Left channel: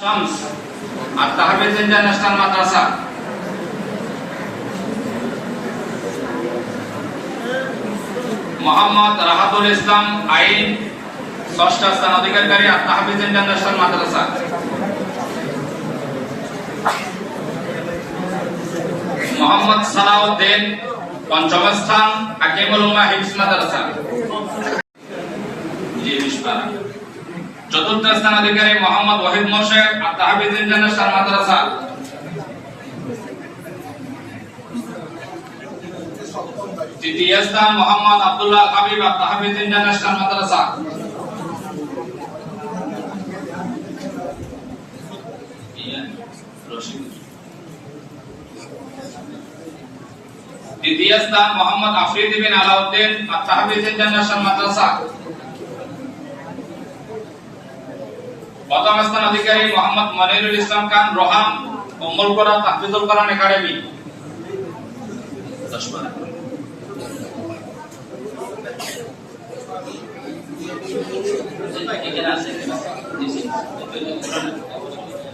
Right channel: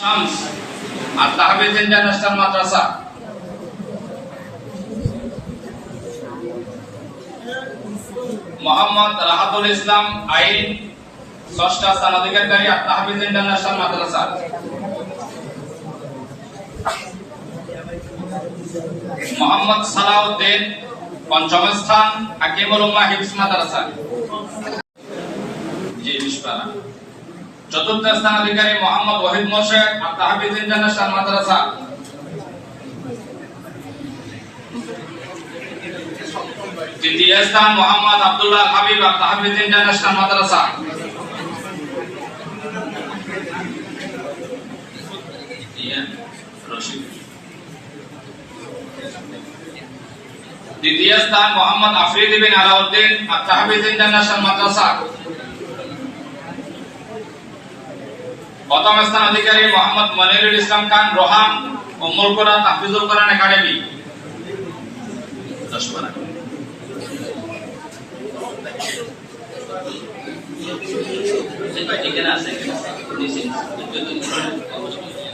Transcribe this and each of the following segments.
শামস আর Tahfiz international মাদ্রাসা মোহাম্মদ রাহাতুল ইসলাম আইন ষষ্ঠ স্থান অধিকারী আর তাহফিজ ইন্টারন্যাশনাল মাদ্রাসা মোহাম্মদ সালাউদ্দিন পঞ্চম স্থান হাকিমুল উম্মাহ হিফজ মাদ্রাসা চতুর্থ স্থান অধিকারী মোহাম্মদ ওয়াহিদ মোর্শেদ আর তাহফিজ ইন্টারন্যাশনাল মাদ্রাসা তৃতীয় স্থান মোহাম্মদ আব্দুল্লাহ হাবিব আর তাহফিজ ইন্টারন্যাশনাল মাদ্রাসা দ্বিতীয় স্থান মোহাম্মদ আফরিদ বিন আলাউদ্দিন আর তাহফিজ ইন্টারন্যাশনাল মাদ্রাসা প্রথম স্থান অধিকারী মোহাম্মদ মনিরুল ইসলাম খান রোহান উম্মুল কুরা তাহফিজুল কোরআন একাডেমি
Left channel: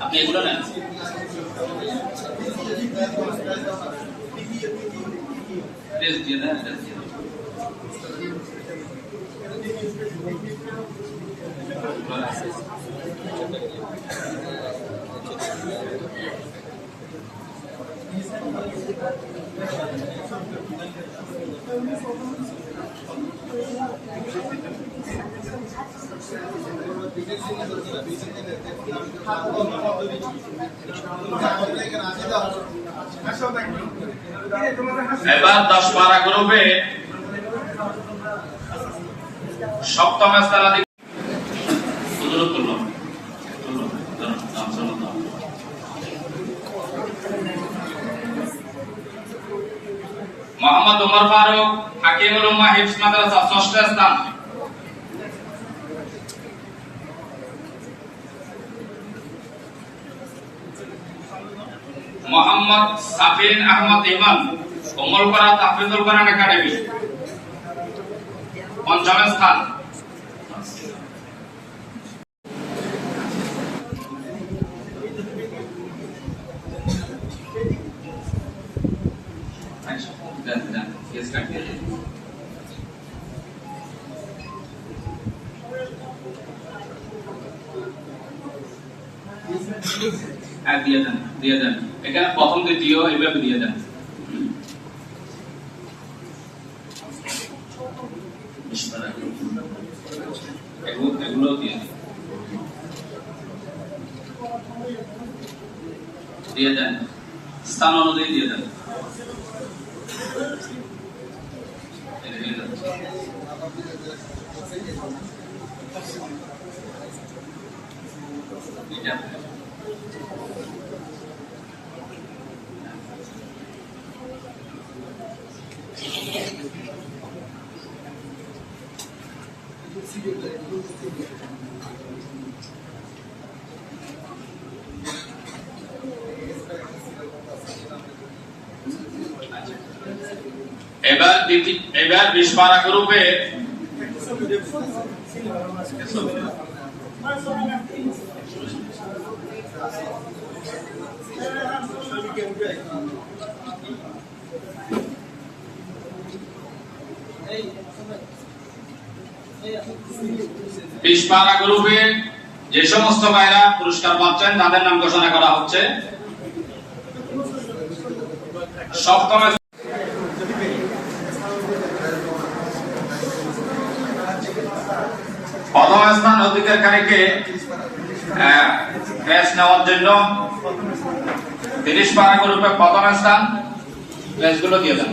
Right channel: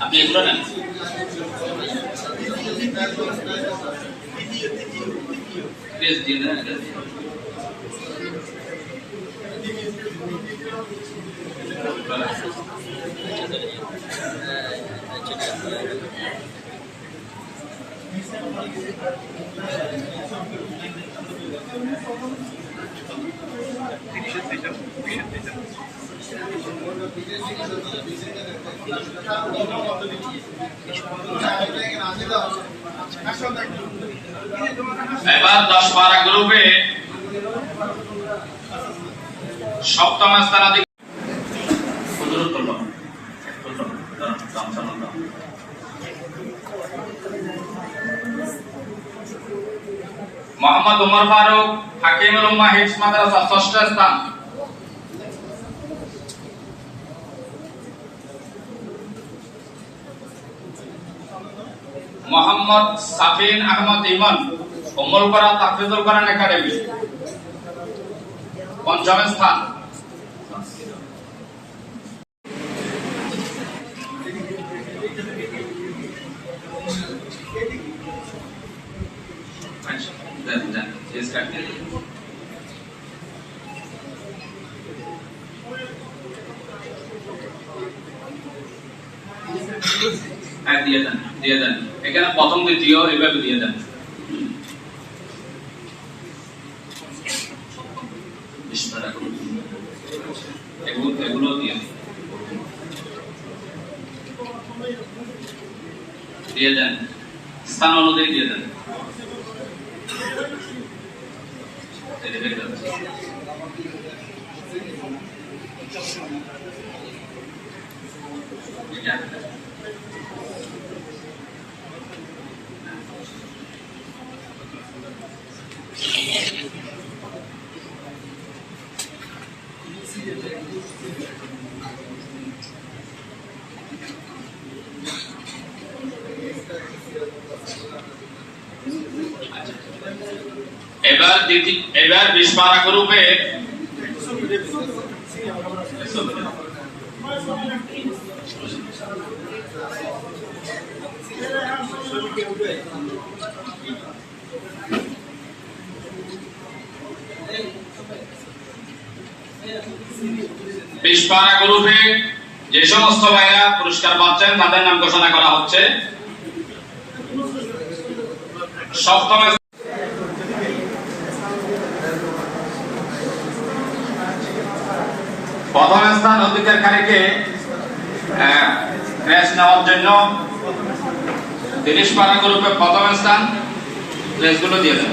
আপনি এগুলো নেন প্লিজ দিয়ে দেন এবার 10-12 গ্রুপে সপ্তম স্থান মোহাম্মদ উমর ফারুক হাকিমুল উম্মাহ হিফজ মাদ্রাসা ষষ্ঠ স্থান মোহাম্মদ সাফিন আহমদ ইমান উম্মুল কুরা তাহফিজুল কোরআন একাডেমি পঞ্চম স্থান দিয়ে দেন এখানে প্রথম দ্বিতীয় এভাবে দিয়ে দেন এগুলো দিয়ে দেন স্থান অনুযায়ী দিয়ে দেন এবার 20-12 গ্রুপে গ্রুপে যে সমস্ত ভাইরা পুরস্কার পাচ্ছেন তাদের নাম ঘোষণা করা হচ্ছে। সপ্তম প্রথম স্থান অধিকারীকে ক্যাশ নেওয়ার জন্য 30 গ্রুপে প্রথম স্থান প্লেসগুলো দিয়ে দেন।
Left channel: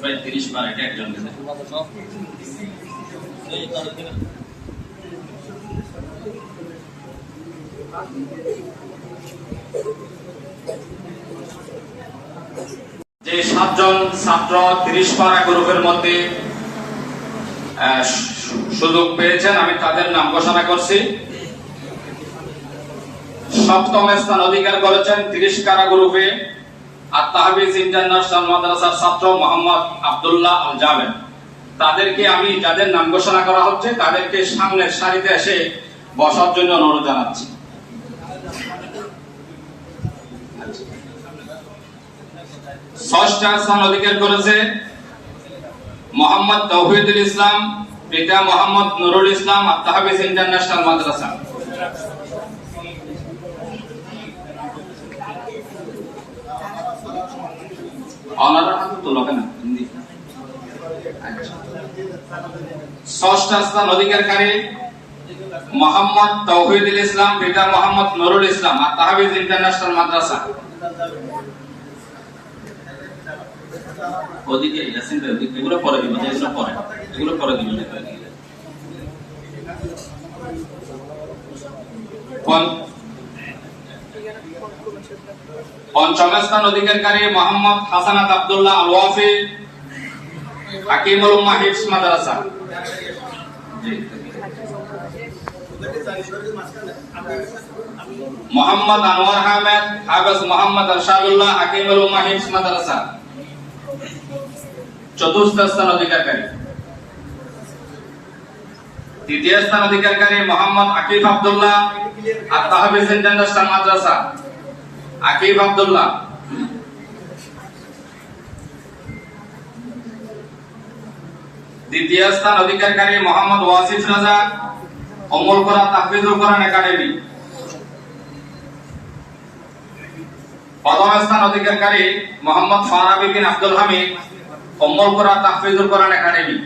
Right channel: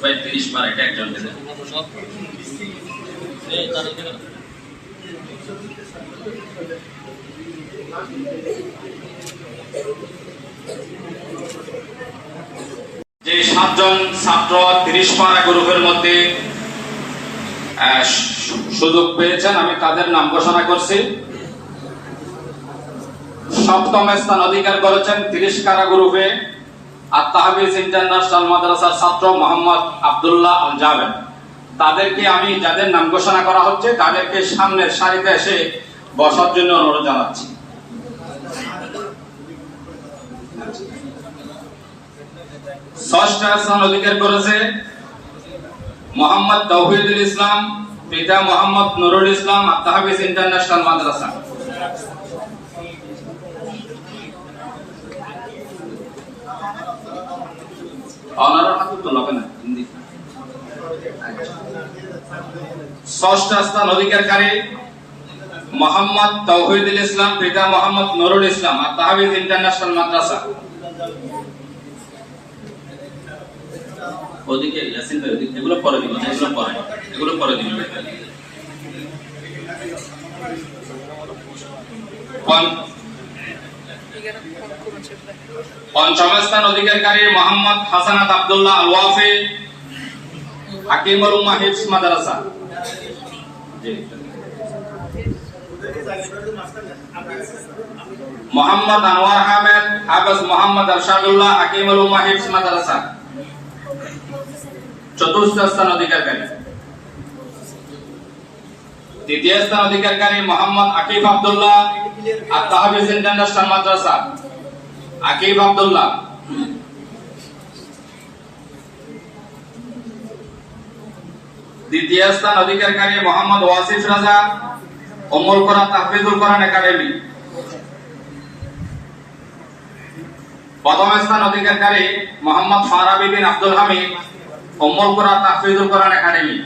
ভাই 30 এটা একজনকে দেন। যে 7 জন ছাত্র 30 গ্রুপের মধ্যে সুযোগ পেয়েছেন আমি তাদের নাম ঘোষণা করছি। সপ্তম স্থান অধিকার করেছেন 30 কারা গ্রুপে আর তাহফিজ ইন্টারন্যাশনাল মাদ্রাসার ছাত্র মোহাম্মদ আব্দুল্লাহ আল জাবেদ। তাদেরকে আমি যাদের নাম ঘোষণা করা হচ্ছে তাদেরকে সামনের সারিতে এসে বসার জন্য অনুরোধ জানাচ্ছি। ষষ্ঠ স্থান অধিকার করেছে মোহাম্মদ তৌহিদুল ইসলাম, পিতা মোহাম্মদ নুরুল ইসলাম, আর তাহফিজ ইন্টারন্যাশনাল মাদ্রাসা। ষষ্ঠ স্থান অধিকারী মোহাম্মদ তৌহিদুল ইসলাম, পিতা মোহাম্মদ নুরুল ইসলাম, আর তাহফিজ ইন্টারন্যাশনাল মাদ্রাসা। ওদিকে ইয়াসিন ভাই, এগুলো পরে দিব, এগুলো পরে দিব। পঞ্চম স্থান অধিকারী মোহাম্মদ হাসানাত আব্দুল্লাহ আল ওয়াফি, হাকিমুল উম্মাহ হিফজ মাদ্রাসা। মোহাম্মদ আনোয়ার আহমেদ, হাফেজ মোহাম্মদ আরশাদুল্লাহ, হাকিমুল উম্মাহ হিফজ মাদ্রাসা। চতুর্থ স্থান অধিকারী। তৃতীয় স্থান অধিকারী মোহাম্মদ আকিব আব্দুল্লাহ, আর তাহফিজ ইন্টারন্যাশনাল মাদ্রাসা। আকিব আব্দুল্লাহ। দ্বিতীয় স্থান অধিকারী মোহাম্মদ ওয়াসিফ রাজা, উম্মুল কুরা তাহফিজুল কোরআন একাডেমি। প্রথম স্থান অধিকারী মোহাম্মদ ফারাবি বিন আব্দুল হামিদ, উম্মুল কুরা তাহফিজুল কোরআন একাডেমি।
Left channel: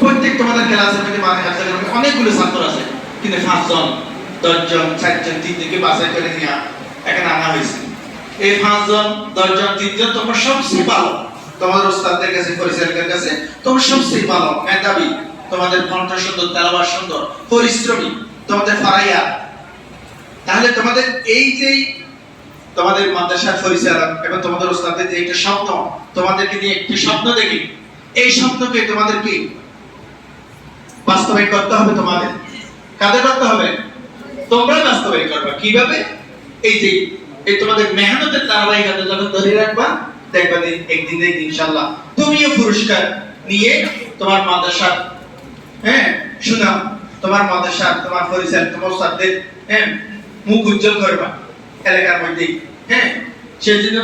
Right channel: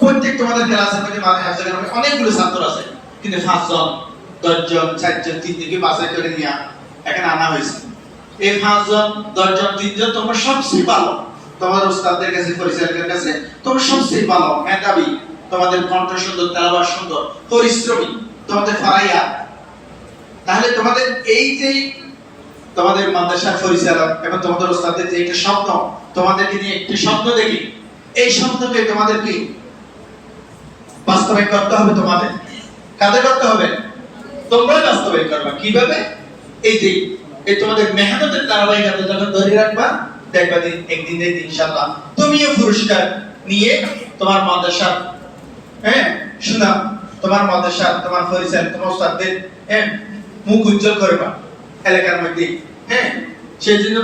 প্রত্যেক তোমাদের ক্লাসের মধ্যে অনেকগুলো ছাত্র আছে, কিন্তু 5 জন 10 জন 4 জন 3 থেকে বাছাই করে নিয়ে এখানে আনা হয়েছে। এই 5 জন 10 জন 3 জন তোমরা সবচেয়ে ভালো, তোমার ওস্তাদের কাছে পরিচালকের কাছে তোমরা সবচেয়ে ভালো, মেধাবী, তোমাদের কণ্ঠ সুন্দর, তেলাওয়াত সুন্দর, পরিশ্রমী, তোমাদের ফারাইয়া। তাহলে তোমাদের এই যে তোমাদের মাদ্রাসার পরিচালক এবং তোমাদের ওস্তাদের যে একটা স্বপ্ন, তোমাদেরকে নিয়ে একটি স্বপ্ন দেখি, এই স্বপ্নকে তোমাদেরকে বাস্তবায়ন করতে হবে। তোমাদের কাদের করতে হবে? তোমরাই বাস্তবায়ন করবা। কিভাবে? এই যে এই তোমাদের মেহনতের ধারাবাহিকতা যখন ধরে রাখবা, দেখবা যে একদিন দেখি ইনশাআল্লাহ তুমিও পুরস্কার নিয়ে তোমার মাদ্রাসার সুনাম, তোমার মাদ্রাসার, তোমার পরিচালক, তোমার ওস্তাদের মুখ উজ্জ্বল করবা এলাকার মধ্যে। সেই জন্য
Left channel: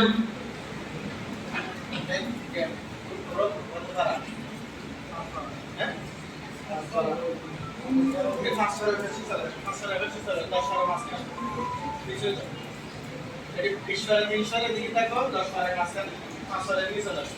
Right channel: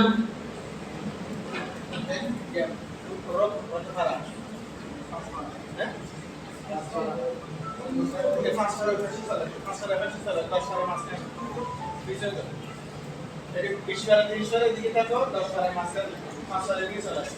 দিকে থাকো 10 পারা মাস্টার 5 পারা দিকে চলে আসো।